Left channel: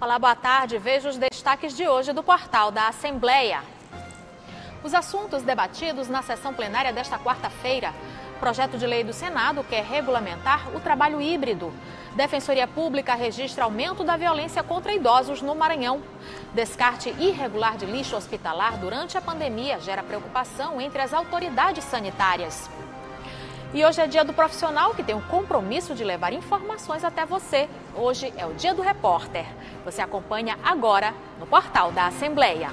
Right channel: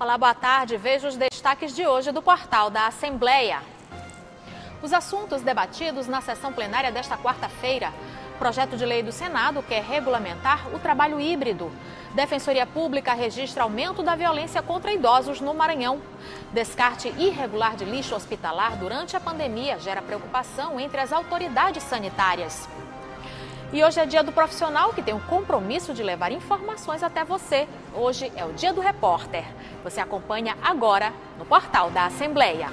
Olá, boa tarde. Veja os destaques de hoje do portal da Assembleia. Os assuntos debatidos na sessão plenária desta quarta-feira. Projeto de lei do Senado quer regulamentar o trabalho híbrido. Defensoria Pública registra aumento da violência contra idosos no Maranhão. Descarte irregular de lixo hospitalar durante a pandemia gera preocupação entre as autoridades sanitárias. E hoje é dia do profissional que tem o compromisso de levar informações até você. Hoje é o dia do repórter. Você acompanha agora no portal da Assembleia.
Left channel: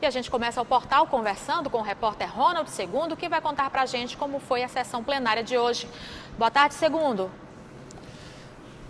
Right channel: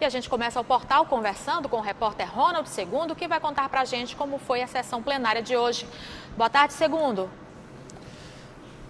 E a gente começa o portal conversando com o repórter Ronald Segundo, que vai contar pra gente como foi a sessão plenária de hoje. Boa tarde, Segundo.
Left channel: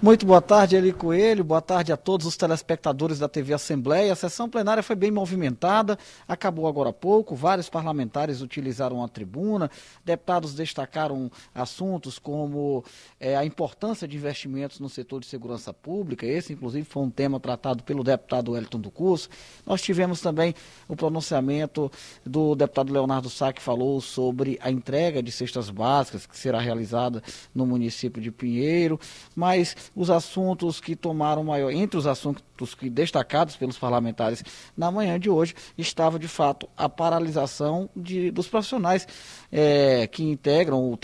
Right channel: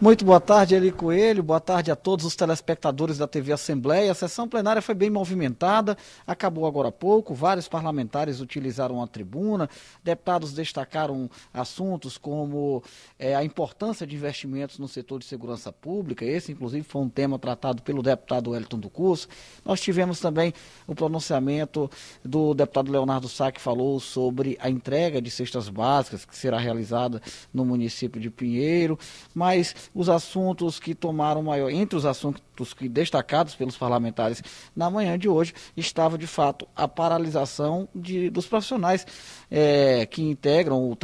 Muito boa tarde, Eli Coelho. Boa tarde a todos os telespectadores da TV Assembleia. A sessão plenária foi bem movimentada, acabou agora há pouco. Vários parlamentares utilizaram a tribuna. Deputados destacaram assuntos como a importância de investimentos no setor de segurança pública. Esse, inclusive, foi um tema tratado pelo deputado Wellington do Curso. Nós tivemos também o pronunciamento do deputado Leonardo Sá, que falou sobre a entrega de cestas básicas, que será realizada no município de Pinheiro. Mas os assuntos que tomaram maior, entre os assuntos que destacados pelos parlamentares na manhã de hoje, estava de fato a paralisação dos profissionais que integram o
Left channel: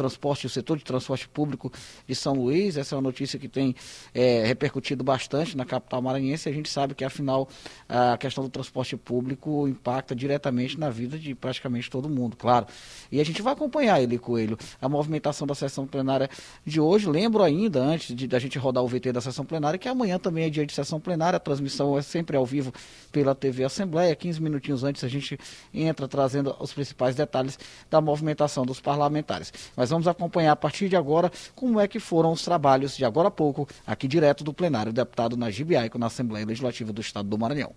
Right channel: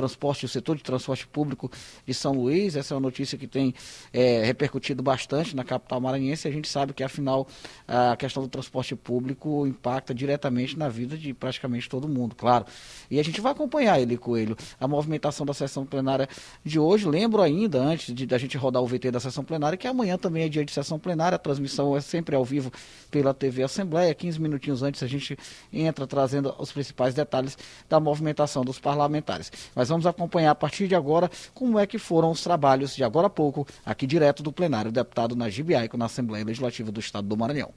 setor de transporte público de São Luís. Essa é uma notícia que tem repercutido bastante na capital maranhense. A gente sabe que, afinal, a questão do transporte público impacta diretamente na vida de praticamente todo mundo, claro. E a gente vai acompanhar, Eli Coelho, a movimentação da sessão plenária de hoje. Lembro ainda, antes da gente rodar o VT da sessão plenária, que amanhã também é dia de sessão plenária. A transmissão é sempre ao vivo pela TV Assembleia. 15 minutinhos antes a gente entra trazendo os principais detalhes da movimentação dos parlamentares. Mas vamos acompanhar a partir de agora como é que foram os trabalhos de agora a pouco, aqui direto do plenário, o deputado Najib Aico, na Assembleia Legislativa do Estado do Maranhão.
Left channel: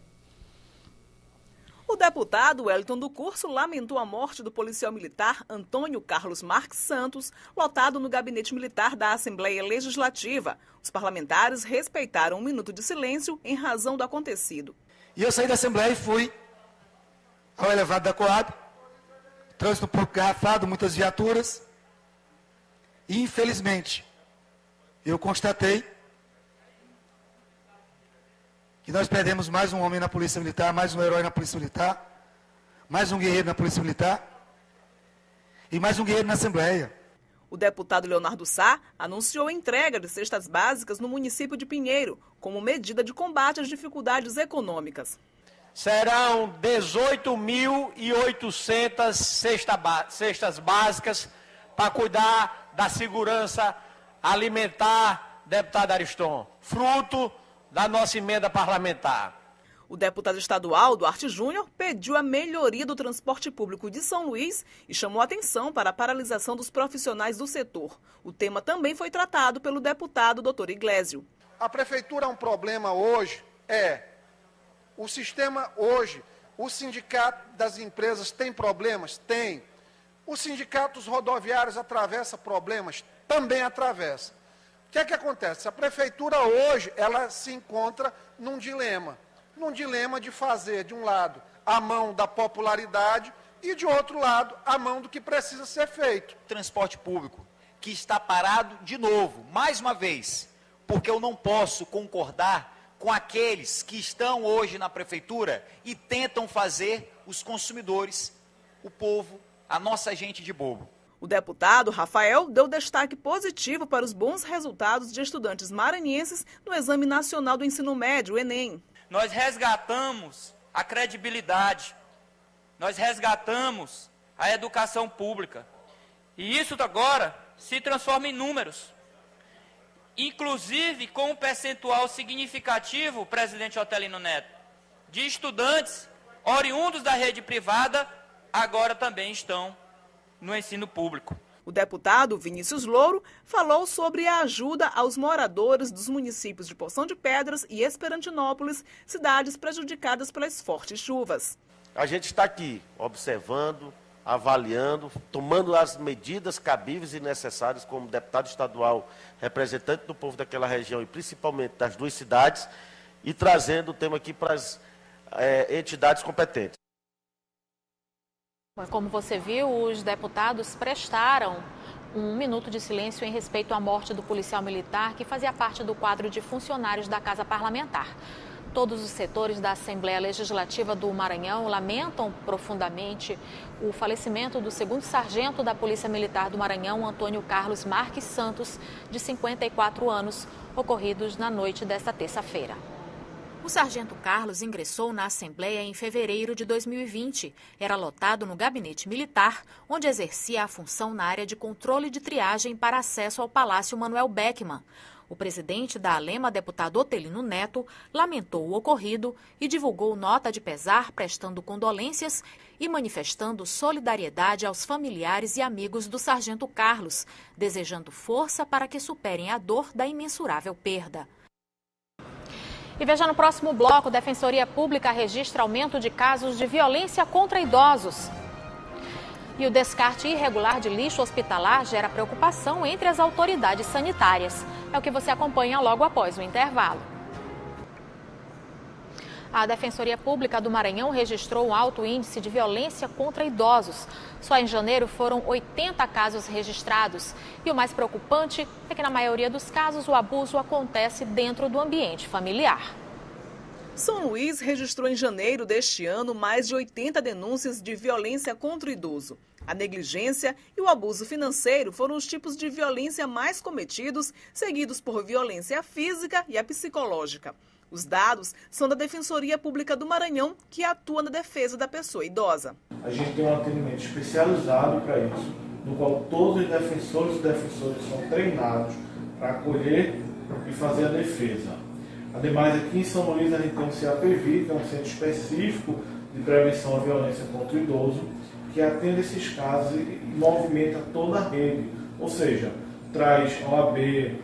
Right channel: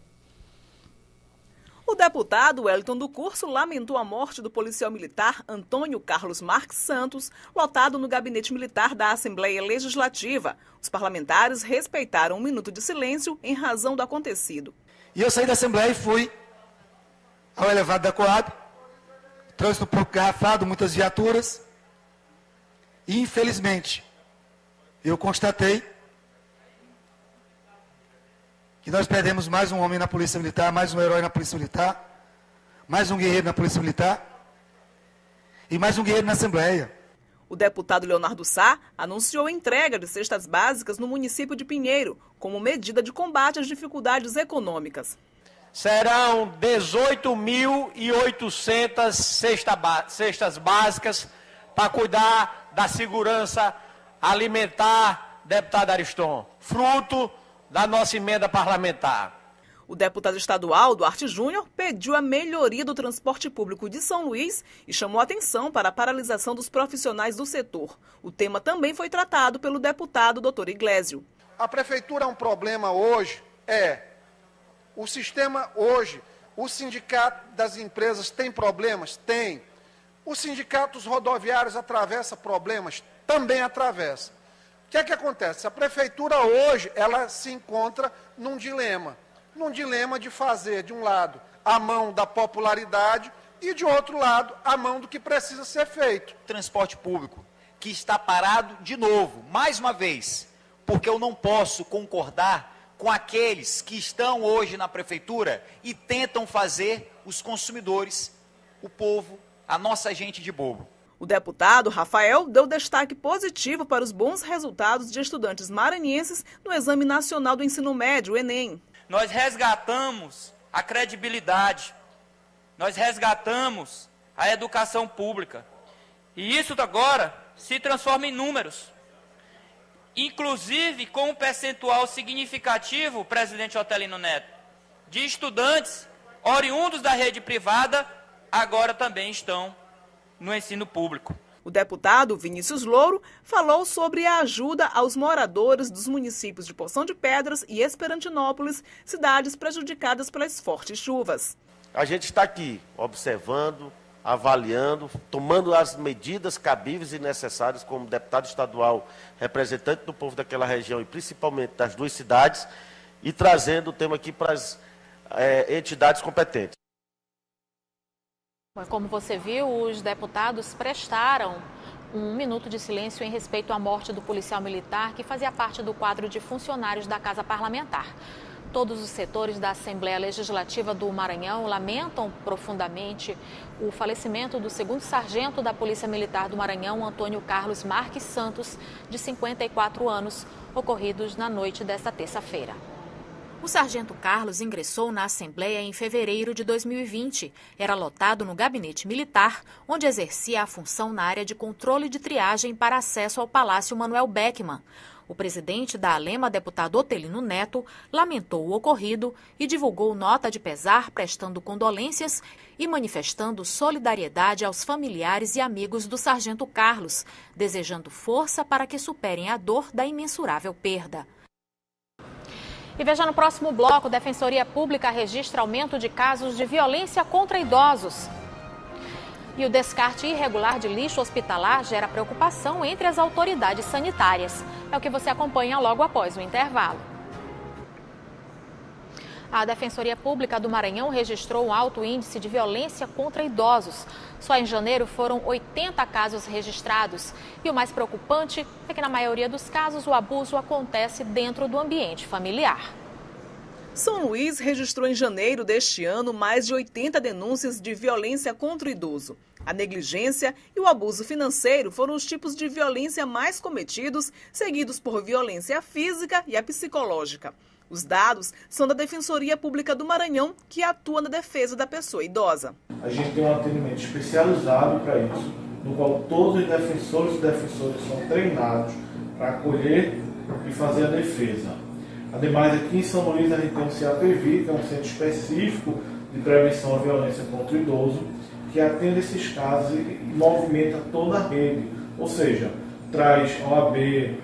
O deputado Wellington do Curso lamentou a morte do policial militar Antônio Carlos Marques Santos, lotado no gabinete militar da Assembleia Legislativa. Os parlamentares respeitaram um minuto de silêncio em razão do acontecido. E eu saí da Assembleia e fui ao elevado da Coab, trânsito garrafado, muitas viaturas, e infelizmente eu constatei que nós perdemos mais um homem na Polícia Militar, mais um herói na Polícia Militar, mais um guerreiro na Polícia Militar e mais um guerreiro na Assembleia. O deputado Leonardo Sá anunciou a entrega de cestas básicas no município de Pinheiro, como medida de combate às dificuldades econômicas. Serão 18.800 cestas básicas para cuidar da segurança alimentar, deputado Ariston, fruto da nossa emenda parlamentar. O deputado estadual Duarte Júnior pediu a melhoria do transporte público de São Luís e chamou atenção para a paralisação dos profissionais do setor. O tema também foi tratado pelo deputado Dr. Iglesio. A prefeitura é um problema hoje, o sistema hoje, o sindicato das empresas tem problemas? Tem. O sindicato dos rodoviários atravessa problemas? Também atravessa. O que é que acontece? A prefeitura hoje, ela se encontra num dilema de fazer, de um lado, a mão da popularidade e, de outro lado, a mão do que precisa ser feito. Transporte público, que está parado de novo, mais uma vez, porque eu não posso concordar com aqueles que estão hoje na prefeitura e tentam fazer os consumidores, o povo, a nossa gente de bobo. O deputado Rafael deu destaque positivo para os bons resultados de estudantes maranhenses no Exame Nacional do Ensino Médio, o Enem. Nós resgatamos a credibilidade, nós resgatamos a educação pública. E isso agora se transforma em números. Inclusive com um percentual significativo, presidente Otelino Neto, de estudantes oriundos da rede privada, agora também estão no ensino público. O deputado Vinícius Louro falou sobre a ajuda aos moradores dos municípios de Poção de Pedras e Esperantinópolis, cidades prejudicadas pelas fortes chuvas. A gente está aqui observando avaliando, tomando as medidas cabíveis e necessárias como deputado estadual, representante do povo daquela região e principalmente das duas cidades, e trazendo o tema aqui para as entidades competentes. Como você viu, os deputados prestaram um minuto de silêncio em respeito à morte do policial militar que fazia parte do quadro de funcionários da Casa Parlamentar. Todos os setores da Assembleia Legislativa do Maranhão lamentam profundamente o falecimento do segundo sargento da Polícia Militar do Maranhão, Antônio Carlos Marques Santos, de 54 anos, ocorridos na noite desta terça-feira. O sargento Carlos ingressou na Assembleia em fevereiro de 2020. Era lotado no gabinete militar, onde exercia a função na área de controle de triagem para acesso ao Palácio Manuel Beckmann. O presidente da ALEMA, deputado Otelino Neto, lamentou o ocorrido e divulgou nota de pesar, prestando condolências e manifestando solidariedade aos familiares e amigos do sargento Carlos, desejando força para que superem a dor da imensurável perda. E veja no próximo bloco, Defensoria Pública registra aumento de casos de violência contra idosos. E o descarte irregular de lixo hospitalar gera preocupação entre as autoridades sanitárias. É o que você acompanha logo após o intervalo. A Defensoria Pública do Maranhão registrou um alto índice de violência contra idosos. Só em janeiro foram 80 casos registrados. E o mais preocupante é que, na maioria dos casos, o abuso acontece dentro do ambiente familiar. São Luís registrou em janeiro deste ano mais de 80 denúncias de violência contra o idoso. A negligência e o abuso financeiro foram os tipos de violência mais cometidos, seguidos por violência física e a psicológica. Os dados são da Defensoria Pública do Maranhão, que atua na defesa da pessoa idosa. A gente tem um atendimento especializado para isso, no qual todos os defensores e defensoras são treinados para acolher e fazer a defesa. Ademais, aqui em São Luís, a gente tem o CAPV, que é um centro específico de prevenção à violência contra o idoso, que atende esses casos e movimenta toda a rede, ou seja, traz OAB,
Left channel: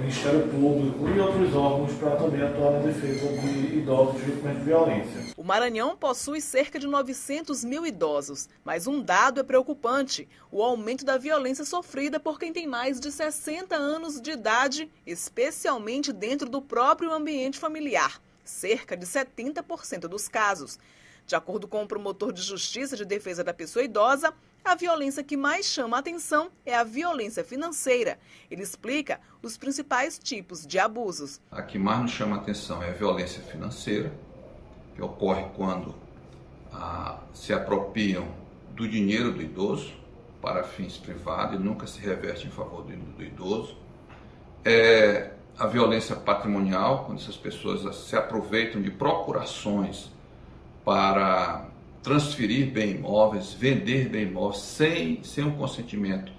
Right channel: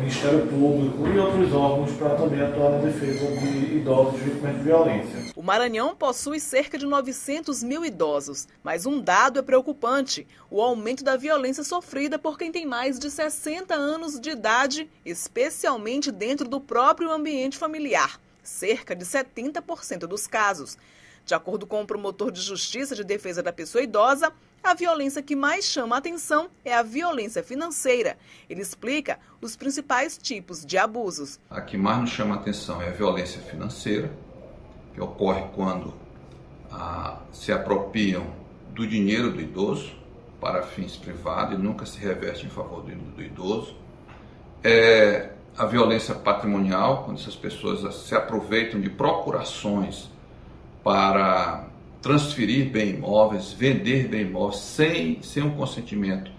Ministério Público e outros órgãos para também atuar na defesa de idosos vítimas de violência. O Maranhão possui cerca de 900 mil idosos, mas um dado é preocupante: o aumento da violência sofrida por quem tem mais de 60 anos de idade, especialmente dentro do próprio ambiente familiar, cerca de 70% dos casos. De acordo com o promotor de Justiça de Defesa da Pessoa Idosa, a violência que mais chama a atenção é a violência financeira. Ele explica os principais tipos de abusos. A que mais nos chama a atenção é a violência financeira, que ocorre quando se apropriam do dinheiro do idoso para fins privados e nunca se reverte em favor do idoso. É a violência patrimonial, quando essas pessoas se aproveitam de procurações para transferir bem imóveis, vender bem imóveis sem um consentimento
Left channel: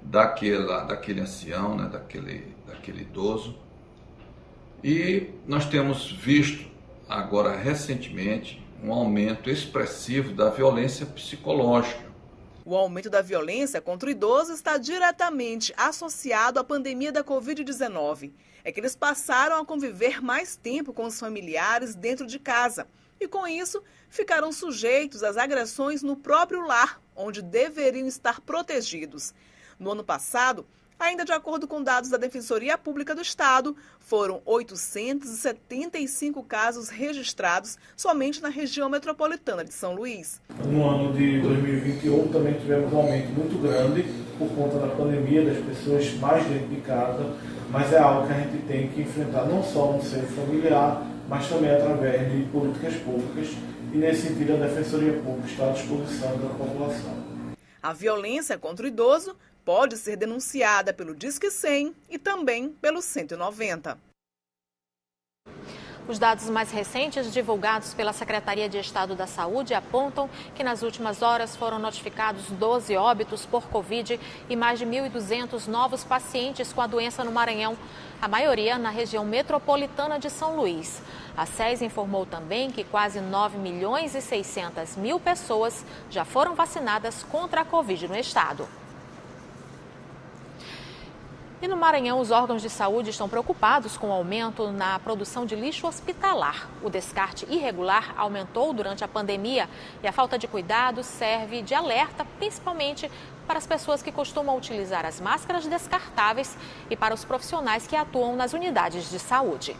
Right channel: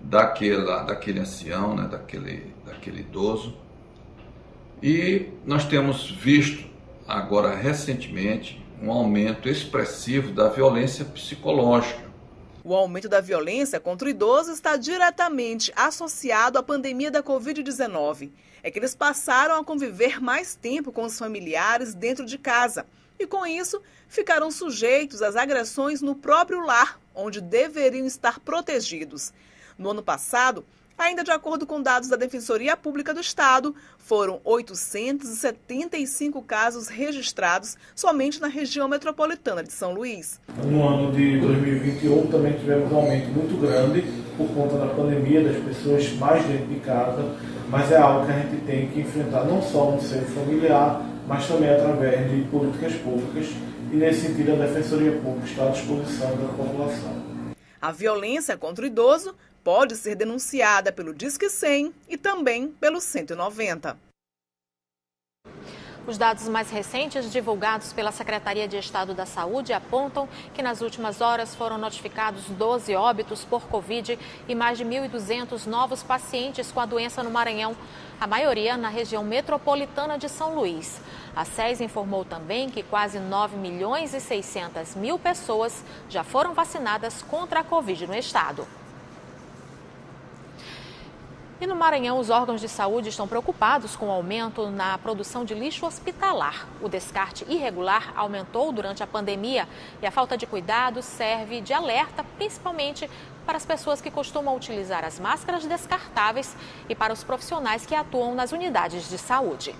daquele ancião, né, daquele idoso. E nós temos visto agora recentemente um aumento expressivo da violência psicológica. O aumento da violência contra o idoso está diretamente associado à pandemia da Covid-19. É que eles passaram a conviver mais tempo com os familiares dentro de casa. E com isso, ficaram sujeitos às agressões no próprio lar, onde deveriam estar protegidos. No ano passado, ainda de acordo com dados da Defensoria Pública do Estado, foram 875 casos registrados somente na região metropolitana de São Luís. No ano de 2021 também tivemos um aumento muito grande por conta da pandemia, das pessoas mais dentro de casa, mas é algo que a gente tem que enfrentar não só no seio familiar, mas também através de políticas públicas, e nesse sentido a Defensoria Pública está à disposição da população. A violência contra o idoso pode ser denunciada pelo Disque 100 e também pelo 190. Os dados mais recentes divulgados pela Secretaria de Estado da Saúde apontam que nas últimas horas foram notificados 12 óbitos por Covid e mais de 1.200 novos pacientes com a doença no Maranhão, a maioria na região metropolitana de São Luís. A SES informou também que quase 9.600.000 pessoas já foram vacinadas contra a Covid no estado. E no Maranhão, os órgãos de saúde estão preocupados com o aumento na produção de lixo hospitalar. O descarte irregular aumentou durante a pandemia e a falta de cuidado serve de alerta, principalmente para as pessoas que costumam utilizar as máscaras descartáveis e para os profissionais que atuam nas unidades de saúde.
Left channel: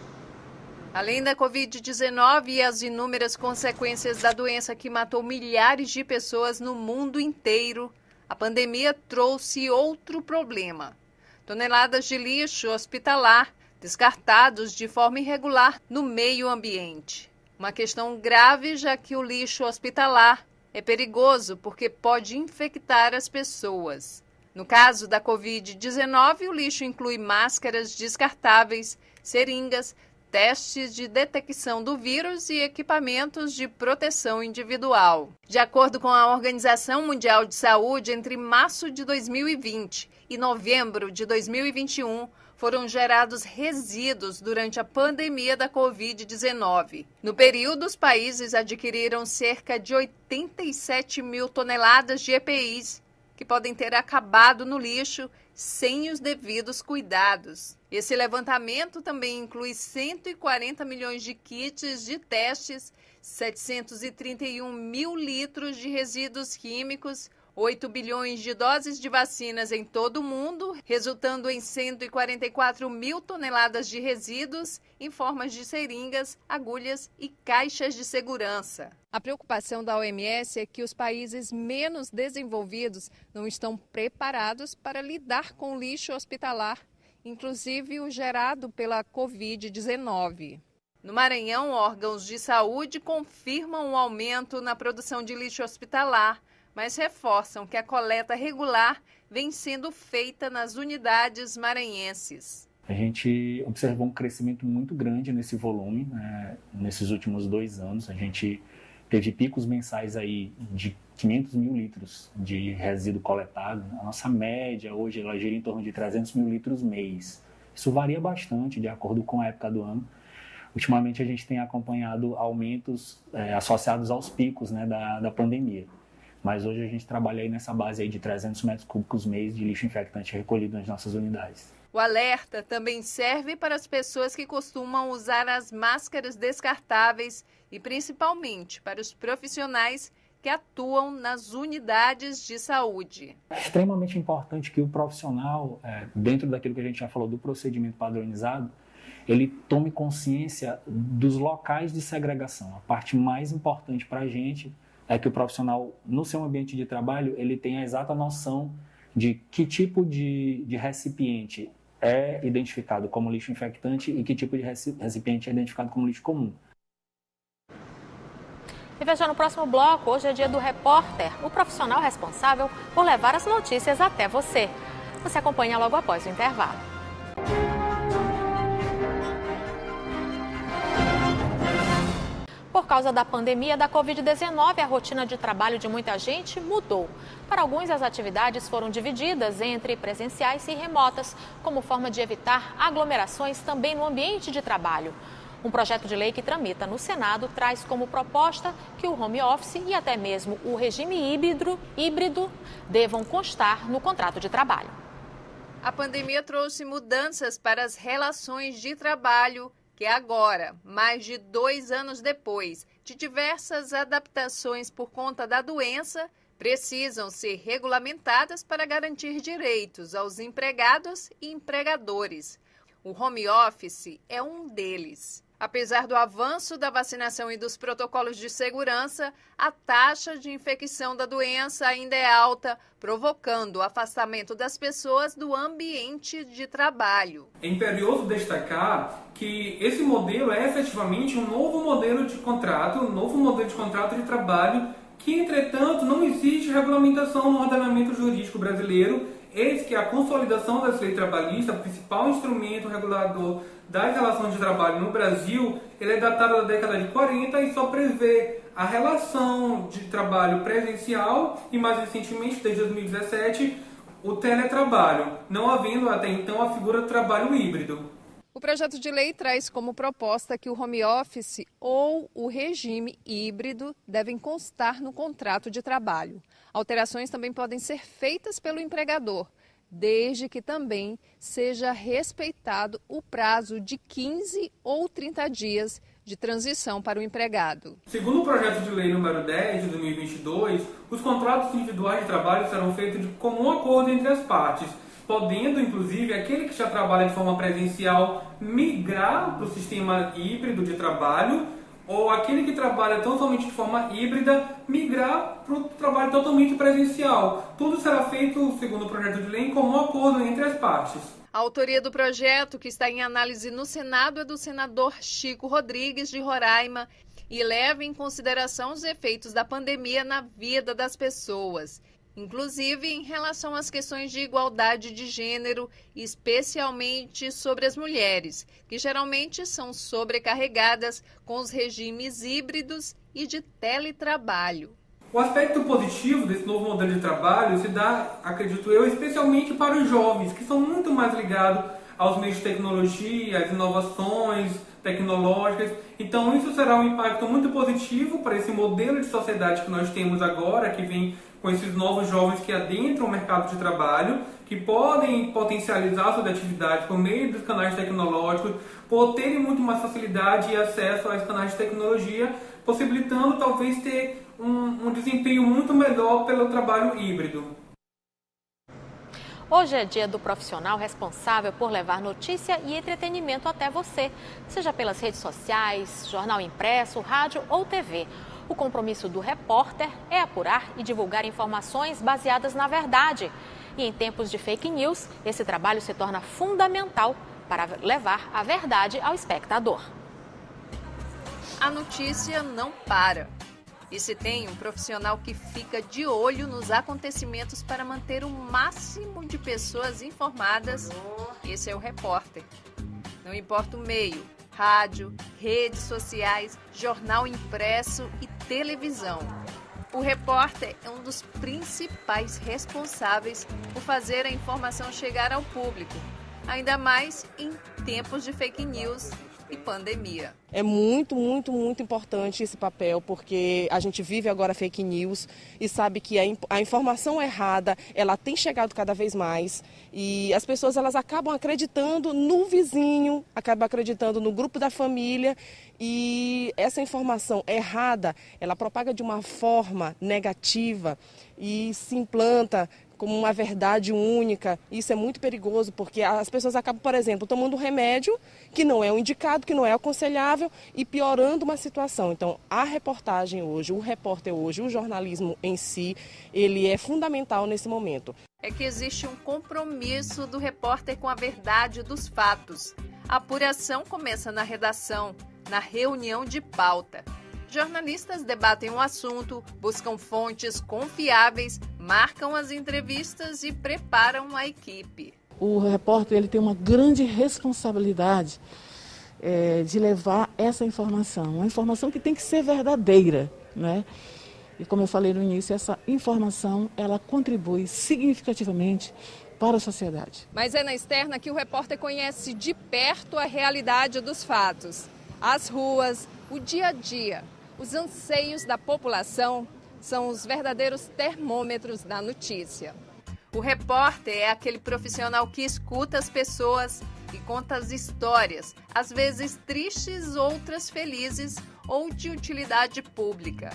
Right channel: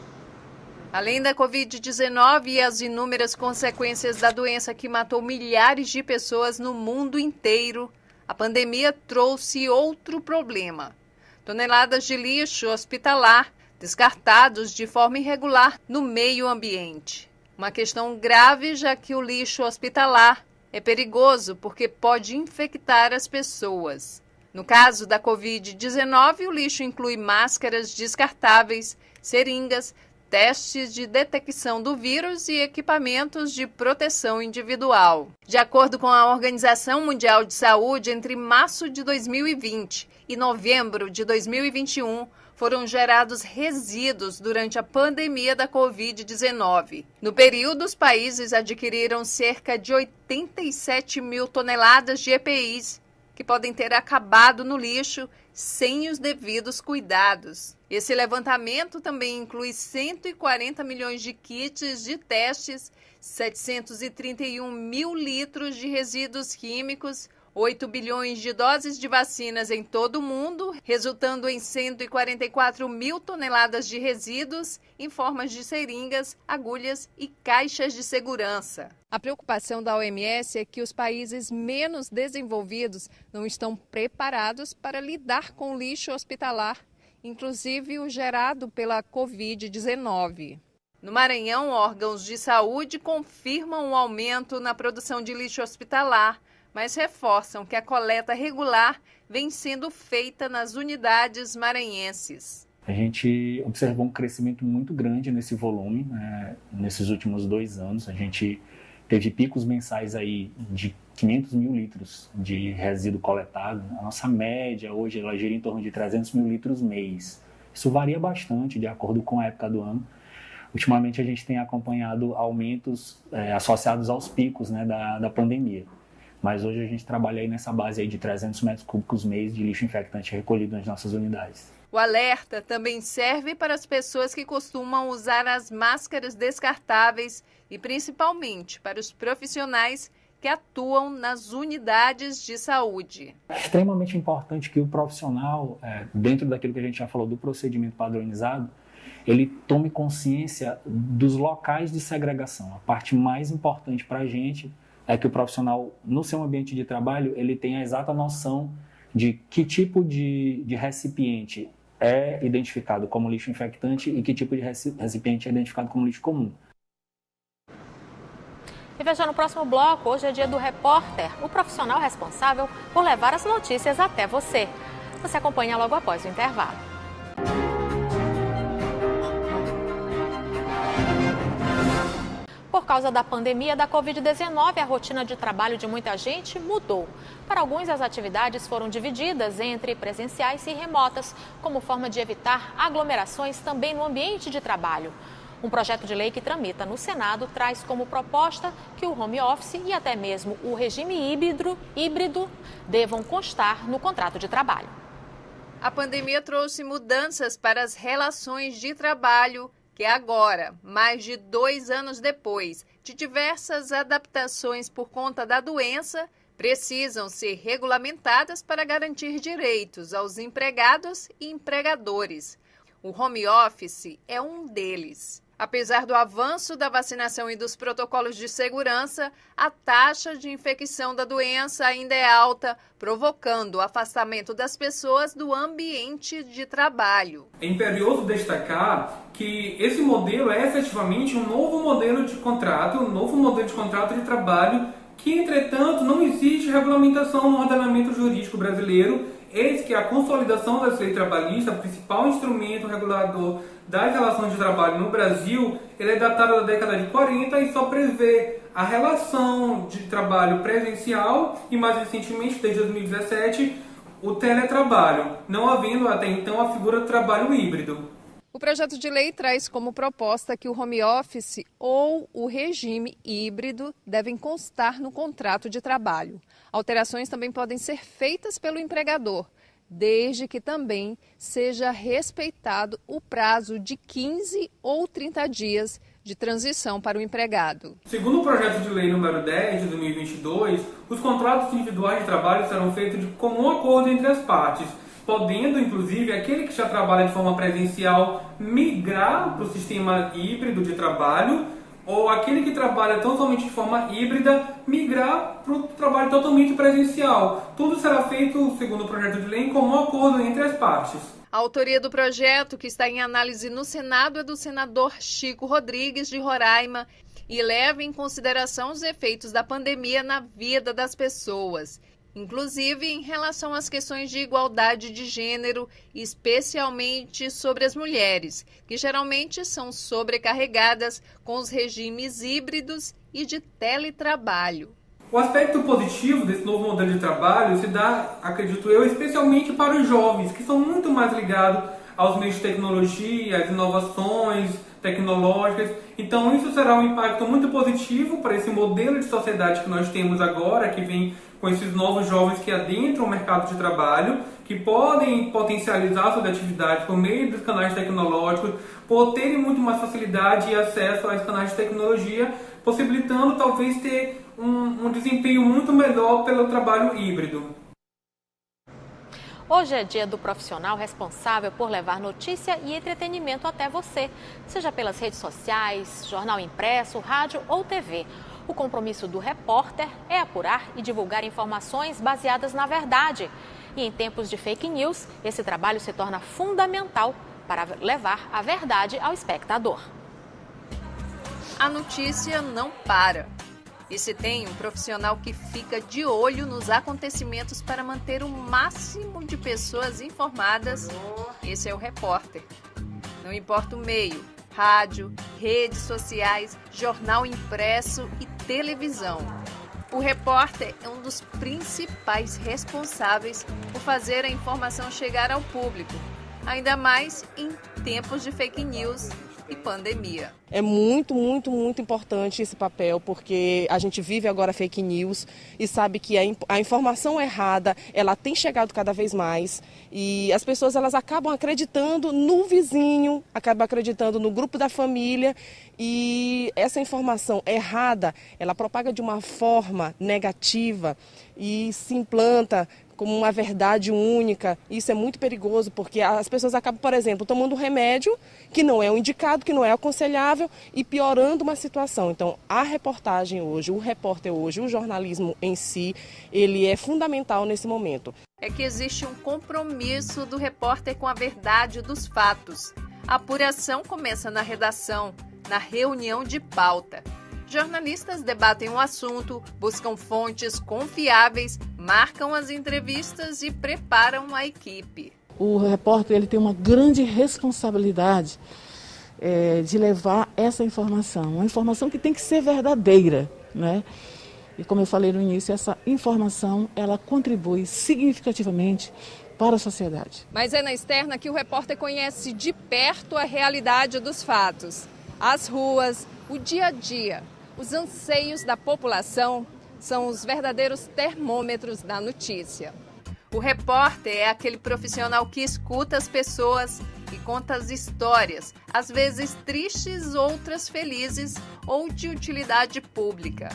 Além da Covid-19 e as inúmeras consequências da doença que matou milhares de pessoas no mundo inteiro, a pandemia trouxe outro problema. Toneladas de lixo hospitalar descartados de forma irregular no meio ambiente. Uma questão grave, já que o lixo hospitalar é perigoso porque pode infectar as pessoas. No caso da Covid-19, o lixo inclui máscaras descartáveis, seringas, testes de detecção do vírus e equipamentos de proteção individual. De acordo com a Organização Mundial de Saúde, entre março de 2020 e novembro de 2021, foram gerados resíduos durante a pandemia da Covid-19. No período, os países adquiriram cerca de 87 mil toneladas de EPIs, que podem ter acabado no lixo sem os devidos cuidados. Esse levantamento também inclui 140 milhões de kits de testes, 731 mil litros de resíduos químicos, 8 bilhões de doses de vacinas em todo o mundo, resultando em 144 mil toneladas de resíduos em formas de seringas, agulhas e caixas de segurança. A preocupação da OMS é que os países menos desenvolvidos não estão preparados para lidar com o lixo hospitalar, inclusive o gerado pela Covid-19. No Maranhão, órgãos de saúde confirmam o aumento na produção de lixo hospitalar, mas reforçam que a coleta regular vem sendo feita nas unidades maranhenses. A gente observou um crescimento muito grande nesse volume, nesses últimos 2 anos. A gente teve picos mensais aí de 500 mil litros de resíduo coletado. A nossa média hoje ela gira em torno de 300 mil litros mês. Isso varia bastante de acordo com a época do ano. Ultimamente a gente tem acompanhado aumentos associados aos picos da pandemia. Mas hoje a gente trabalha aí nessa base aí de 300 metros cúbicos mês de lixo infectante recolhido nas nossas unidades. O alerta também serve para as pessoas que costumam usar as máscaras descartáveis e principalmente para os profissionais que atuam nas unidades de saúde. É extremamente importante que o profissional, dentro daquilo que a gente já falou do procedimento padronizado, ele tome consciência dos locais de segregação. A parte mais importante para a gente é que o profissional, no seu ambiente de trabalho, ele tenha a exata noção de que tipo de recipiente é identificado como lixo infectante e que tipo de recipiente é identificado como lixo comum. E veja, no próximo bloco, hoje é dia do repórter, o profissional responsável por levar as notícias até você. Você acompanha logo após o intervalo. Por causa da pandemia da Covid-19, a rotina de trabalho de muita gente mudou. Para alguns, as atividades foram divididas entre presenciais e remotas, como forma de evitar aglomerações também no ambiente de trabalho. Um projeto de lei que tramita no Senado traz como proposta que o home office e até mesmo o regime híbrido devam constar no contrato de trabalho. A pandemia trouxe mudanças para as relações de trabalho, que agora, mais de 2 anos depois de diversas adaptações por conta da doença, precisam ser regulamentadas para garantir direitos aos empregados e empregadores. O home office é um deles. Apesar do avanço da vacinação e dos protocolos de segurança, a taxa de infecção da doença ainda é alta, provocando o afastamento das pessoas do ambiente de trabalho. É imperioso destacar que esse modelo é efetivamente um novo modelo de contrato, de trabalho, que, entretanto, não existe regulamentação no ordenamento jurídico brasileiro. Eis que a consolidação da lei trabalhista, o principal instrumento regulador das relações de trabalho no Brasil, ele é datado da década de 40 e só prevê a relação de trabalho presencial e, mais recentemente, desde 2017, o teletrabalho, não havendo até então a figura do trabalho híbrido. O projeto de lei traz como proposta que o home office ou o regime híbrido devem constar no contrato de trabalho. Alterações também podem ser feitas pelo empregador, desde que também seja respeitado o prazo de 15 ou 30 dias de transição para o empregado. Segundo o projeto de lei número 10 de 2022, os contratos individuais de trabalho serão feitos de comum acordo entre as partes, podendo, inclusive, aquele que já trabalha de forma presencial migrar para o sistema híbrido de trabalho, ou aquele que trabalha tão somente de forma híbrida migrar para o trabalho totalmente presencial. Tudo será feito, segundo o projeto de lei, em comum acordo entre as partes. A autoria do projeto, que está em análise no Senado, é do senador Chico Rodrigues, de Roraima, e leva em consideração os efeitos da pandemia na vida das pessoas, inclusive em relação às questões de igualdade de gênero, especialmente sobre as mulheres, que geralmente são sobrecarregadas com os regimes híbridos e de teletrabalho. O aspecto positivo desse novo modelo de trabalho se dá, acredito eu, especialmente para os jovens, que são muito mais ligados aos meios de tecnologia, às inovações tecnológicas. Então isso será um impacto muito positivo para esse modelo de sociedade que nós temos agora, que vem com esses novos jovens que adentram o mercado de trabalho, que podem potencializar suas atividades por meio dos canais tecnológicos, por terem muito mais facilidade e acesso aos canais de tecnologia, possibilitando talvez ter um desempenho muito melhor pelo trabalho híbrido. Hoje é dia do profissional responsável por levar notícia e entretenimento até você, seja pelas redes sociais, jornal impresso, rádio ou TV. O compromisso do repórter é apurar e divulgar informações baseadas na verdade. E em tempos de fake news, esse trabalho se torna fundamental para levar a verdade ao espectador. A notícia não para. E se tem um profissional que fica de olho nos acontecimentos para manter o máximo de pessoas informadas, esse é o repórter. Não importa o meio, rádio, redes sociais, jornal impresso e televisão. O repórter é um dos principais responsáveis por fazer a informação chegar ao público, ainda mais em tempos de fake news e pandemia. É muito importante esse papel, porque a gente vive agora fake news e sabe que a informação errada, ela tem chegado cada vez mais e as pessoas elas acabam acreditando no vizinho, acabam acreditando no grupo da família e essa informação errada, ela propaga de uma forma negativa e se implanta como uma verdade única. Isso é muito perigoso, porque as pessoas acabam, por exemplo, tomando um remédio que não é o indicado, que não é aconselhável e piorando uma situação. Então, a reportagem hoje, o repórter hoje, o jornalismo em si, ele é fundamental nesse momento. É que existe um compromisso do repórter com a verdade dos fatos. A apuração começa na redação, na reunião de pauta. Jornalistas debatem um assunto, buscam fontes confiáveis, marcam as entrevistas e preparam a equipe. O repórter ele tem uma grande responsabilidade de levar essa informação, uma informação que tem que ser verdadeira, né? E como eu falei no início, essa informação ela contribui significativamente para a sociedade. Mas é na externa que o repórter conhece de perto a realidade dos fatos, as ruas, o dia a dia. Os anseios da população são os verdadeiros termômetros da notícia. O repórter é aquele profissional que escuta as pessoas e conta as histórias, às vezes tristes, outras felizes ou de utilidade pública.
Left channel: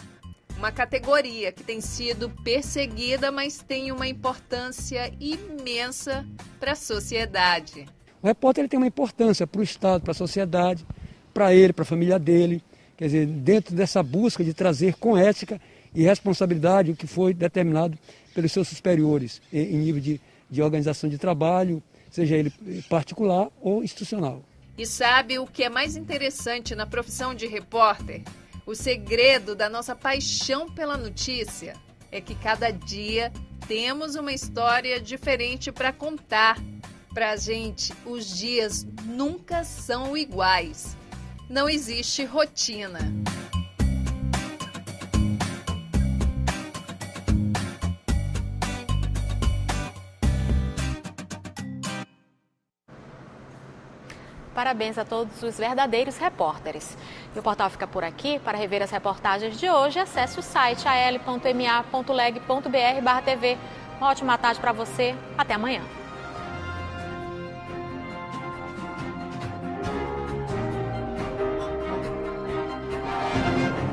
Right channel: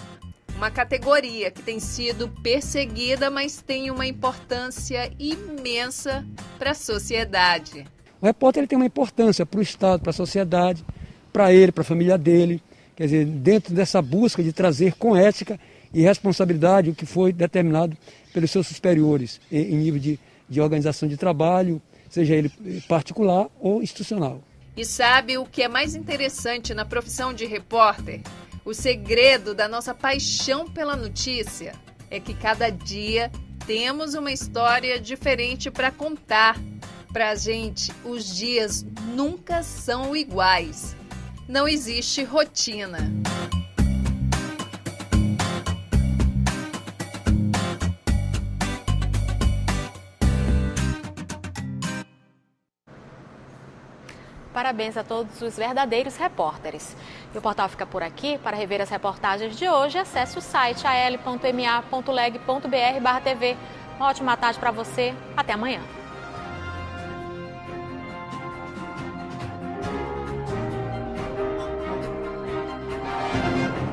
Uma categoria que tem sido perseguida, mas tem uma importância imensa para a sociedade. O repórter ele tem uma importância para o Estado, para a sociedade, para ele, para a família dele. Quer dizer, dentro dessa busca de trazer com ética e responsabilidade o que foi determinado pelos seus superiores em nível de organização de trabalho, seja ele particular ou institucional. E sabe o que é mais interessante na profissão de repórter? O segredo da nossa paixão pela notícia é que cada dia temos uma história diferente para contar. Pra gente, os dias nunca são iguais. Não existe rotina. Parabéns a todos os verdadeiros repórteres. E o portal fica por aqui. Para rever as reportagens de hoje, acesse o site al.ma.leg.br/tv. Uma ótima tarde para você. Até amanhã. Música